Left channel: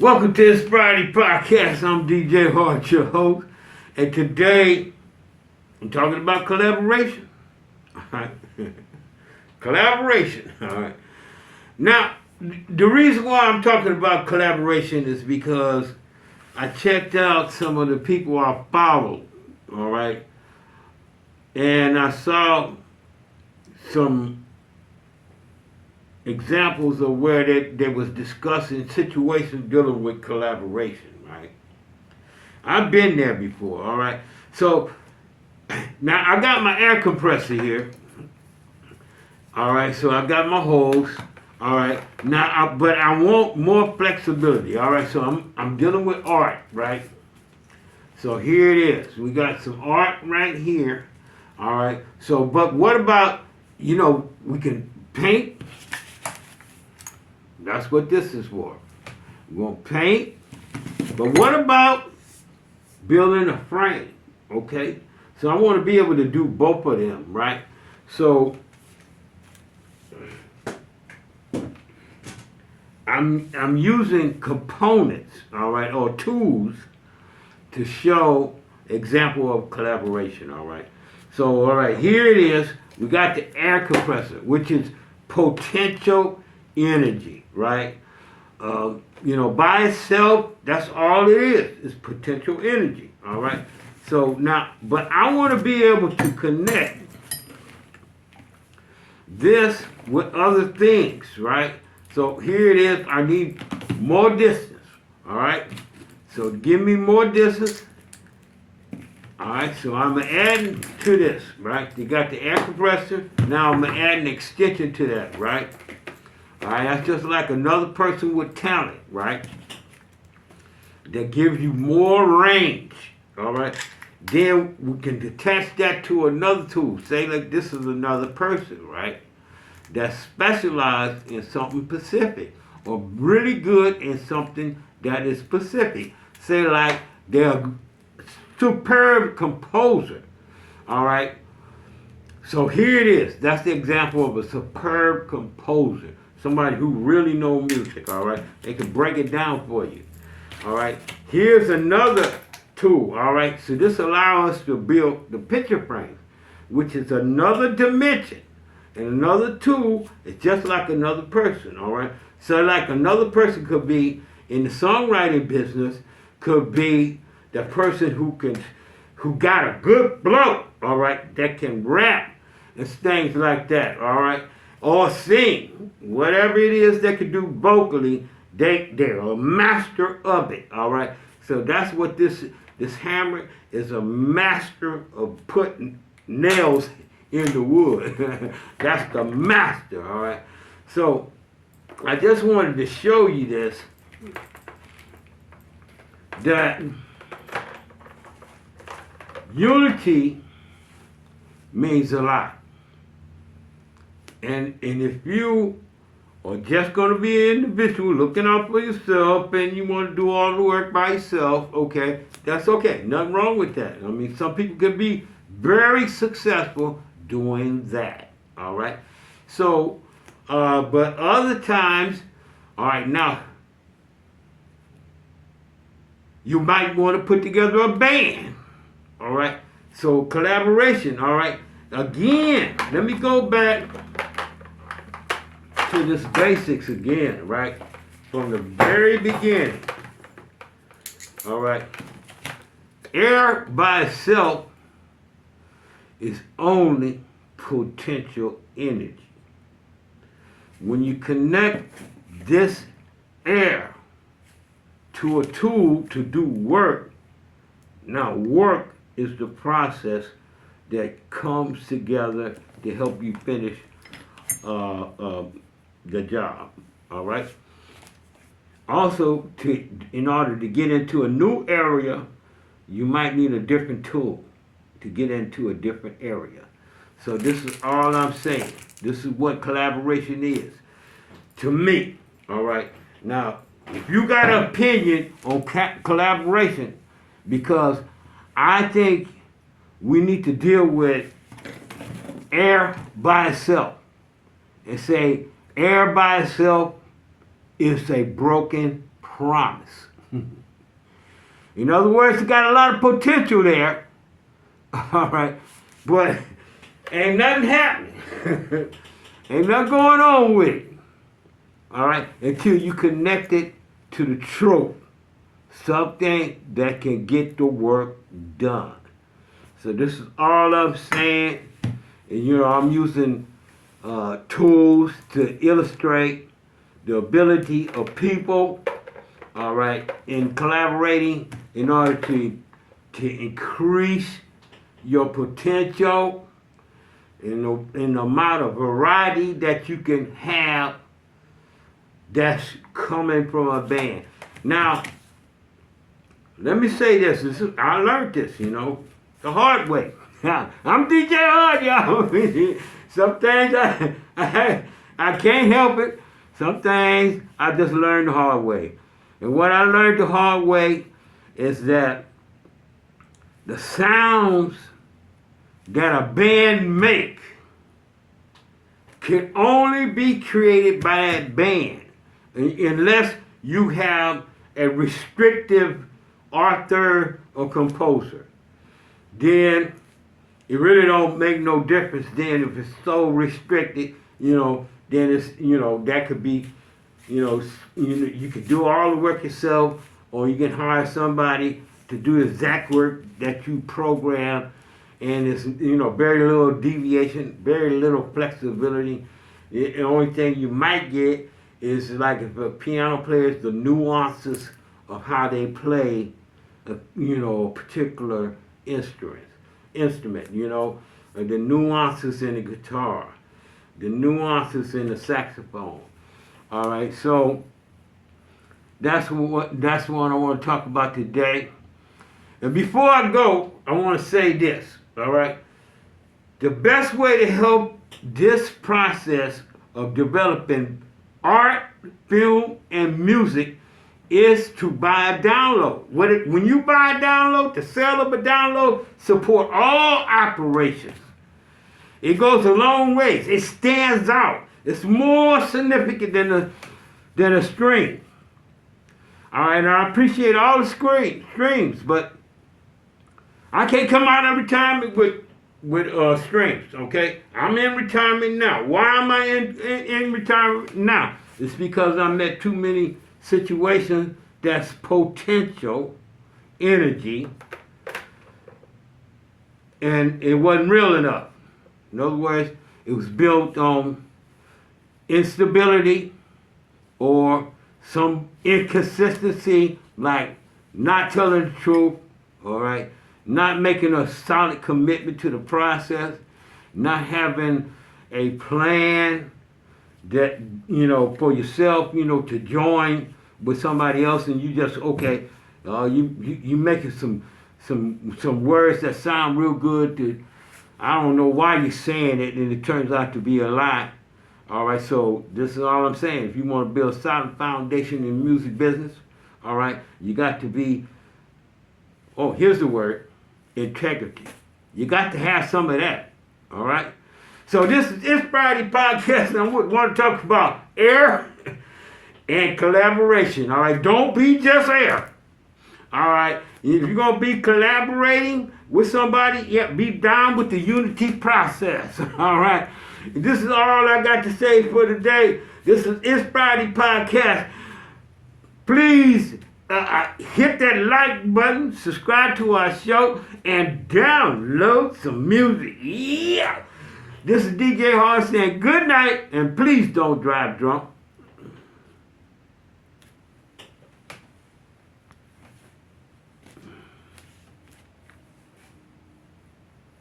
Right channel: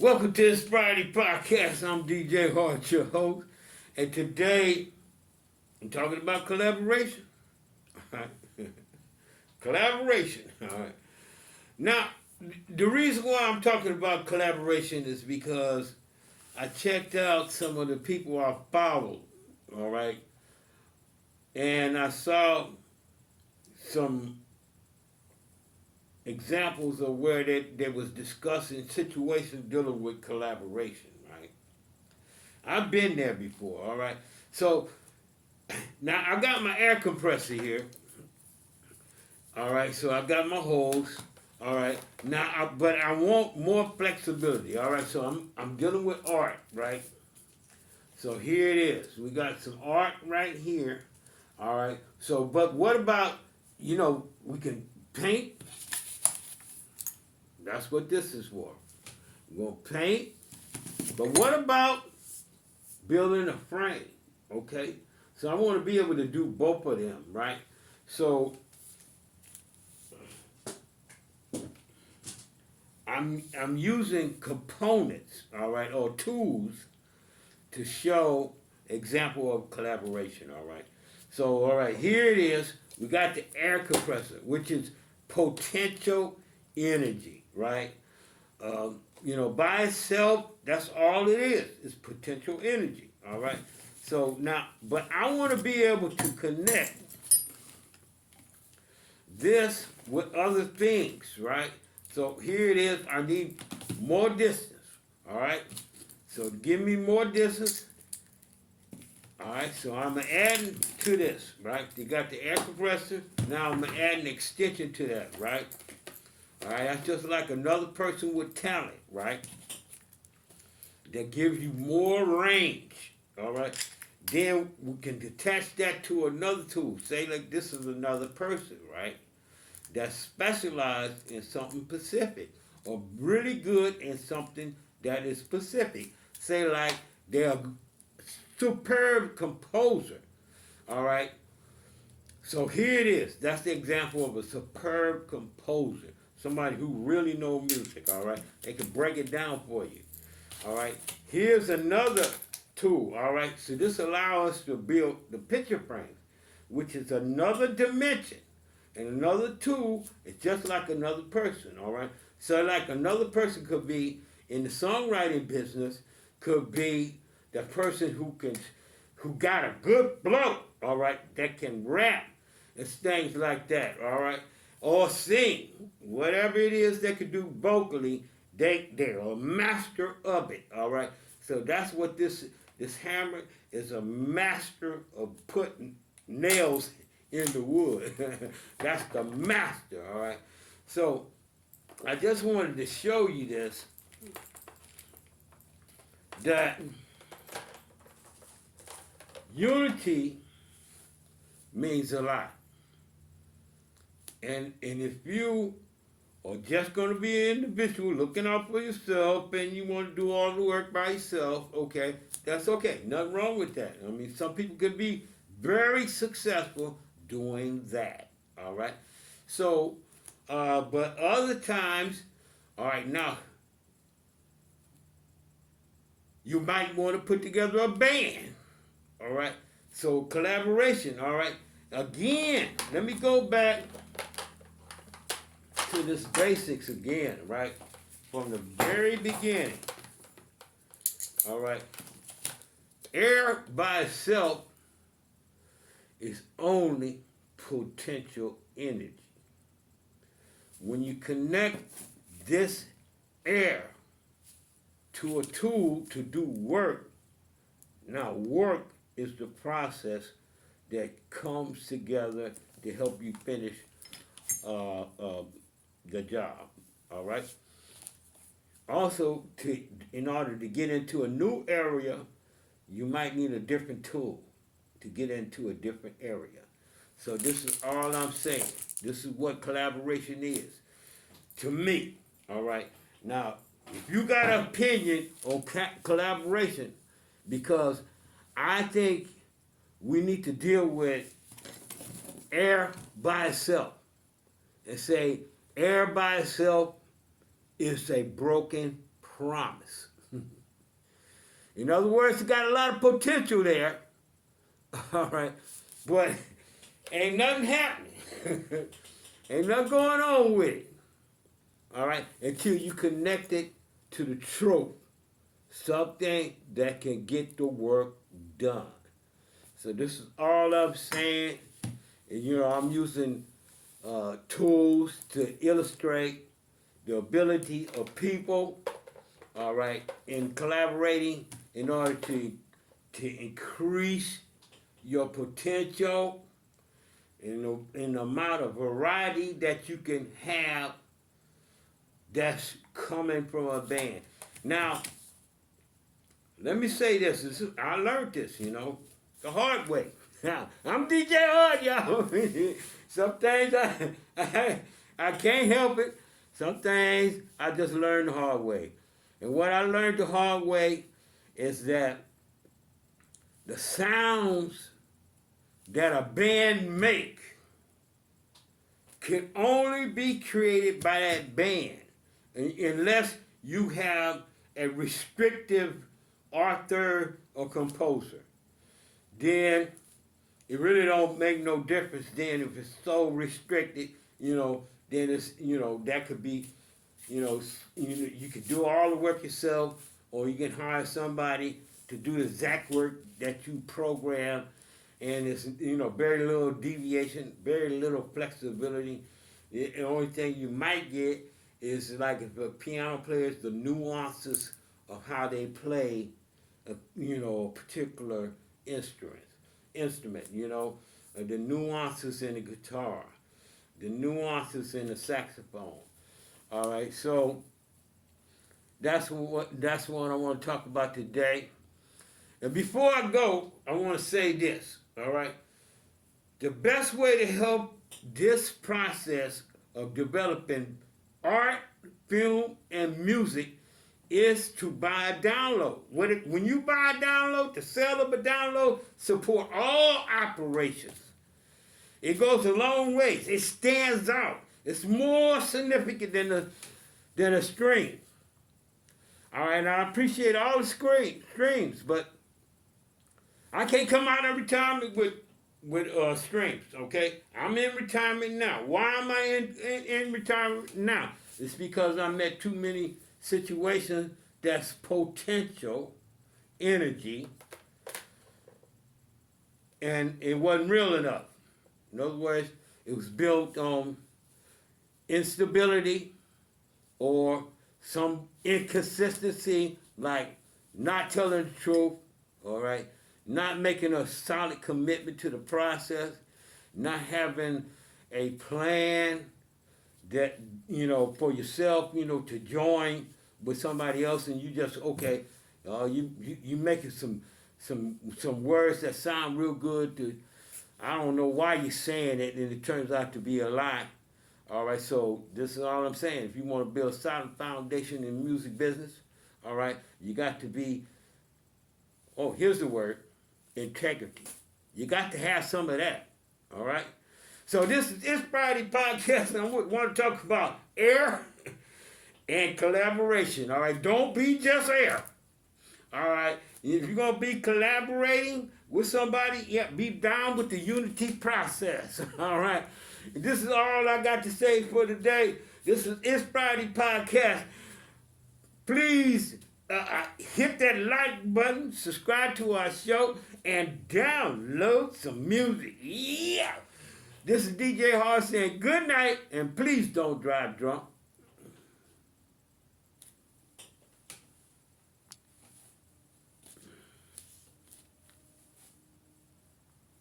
Welcome to this Friday podcast. I'm DJ Hart, your host, and today I'm talking about collaboration. All right, collaboration. All right. Now, the reason why I'm talking about collaboration is because I checked out some of the people I followed. All right, and I saw some examples of where they was discussing situations dealing with collaboration, right? I've been there before, all right? So now I got my air compressor here, all right? So I got my hose, all right? But I want more flexibility, all right? So I'm dealing with art, right? So here it is. We got some art right here, all right? So, but what about, we can paint. That's what this is for. We're going to paint. But what about building a frame? Okay? So I want to be able to do both of them, right? So I'm using components, all right, or tools to show example of collaboration, all right? So, all right, here it is. We got the air compressor, which is potential energy, right? By itself, that's all it is. It's potential energy, all right? So now, but I want to be able to connect this with other things, right? So here it is. I need more distance, all right? So give me more distance. All right, so I'm adding to this, right? You got the air compressor. Now I'm adding an extension to that, right? All right, that's just like another person with talent, right? That gives you more range, all right? Then we can attach that to another tool. Say like this is another person, right? That's specialized in something specific or really good in something that is specific. Say like they're a superb composer, all right? So here it is. That's the example of a superb composer. Somebody who really knows music, all right? They can break it down for you, all right? Here's another tool, all right? So this allows us to build the picture frame, which is another dimension. And another tool is just like another person, all right? So like another person could be in the songwriting business, could be the person who got a good flow, all right, that can rap and things like that, all right? Or sing, whatever it is they can do vocally, they're a master of it, all right? So that's what this hammer is, a master of putting nails in the wood. That's the master, all right? So I just wanted to show you this, that unity means a lot. And if you are just going to be an individual looking out for yourself and you want to do all the work by yourself, okay, that's okay. Nothing wrong with that. I mean, some people can be very successful doing that, all right? So, but other times, all right, now, you might want to put together a band, all right? So collaboration, all right? Again, let me go back to this basics again, right? From the very beginning. All right. Air by itself is only potential energy. When you connect this air to a tool to do work, now work is the process that comes together to help you finish the job, all right? Also, in order to get into a new area, you might need a different tool to get into a different area. So this is all I'm saying. This is what collaboration is to me, all right? Now, if you got an opinion on collaboration, because I think we need to deal with air by itself and say air by itself is a broken promise. In other words, it got a lot of potential there. All right. But ain't nothing happening. Ain't nothing going on with it. All right. Until you connect it to the truth. Something that can get the work done. So this is all I'm saying. And I'm using tools to illustrate the ability of people, all right, in collaborating in order to increase your potential in the amount of variety that you can have that's coming from a band. Now, let me say this. I learned this, the hard way. I'm DJ Hard, y'all. Some things I can't help it. Some things I just learned the hard way. And what I learned the hard way is that the sounds that a band make can only be created by that band unless you have a restrictive author or composer. Then it really don't make no difference then if it's so restricted, then it's, that could be, you could do all the work yourself, or you can hire somebody to do the exact work that you program, and it's, very little deviation, very little flexibility. The only thing you might get is like if a piano player, the nuances of how they play, a particular instrument, the nuances in the guitar, the nuances in the saxophone. All right, so that's what I want to talk about today. And before I go, I want to say this. All right, the best way to help this process of developing art, film, and music is to buy a download. When you buy a download, the sale of a download support all operations. It goes a long ways. It stands out. It's more significant than a stream. All right, and I appreciate all the streams, but I can't come out of retirement with streams. Okay, I'm in retirement now. Why am I in retirement now? It's because I met too many situations that's potential energy, and it wasn't real enough. In other words, it was built on instability or some inconsistency, like not telling the truth, all right, not making a solid commitment to the process, not having a plan that, for yourself, to join with somebody else, and you just, you making some words that sound real good. I don't know why you're saying it, and it turns out to be a lie. All right, so this is all I'm saying. If you want to build a solid foundation in the music business, all right, you got to be, here's the word, integrity. You got to have some of that, all right? So this is It's Friday Podcast, and I want to talk about air and collaboration, all right? Don't be just air, all right? If you're going to be collaborating with somebody, be down with the unity process, all right? This is all I got to say for today. This is It's Friday Podcast. Please hit that like button, subscribe to our show, and download some music. Yeah! This is DJ Hard saying good night, and please don't drive drunk.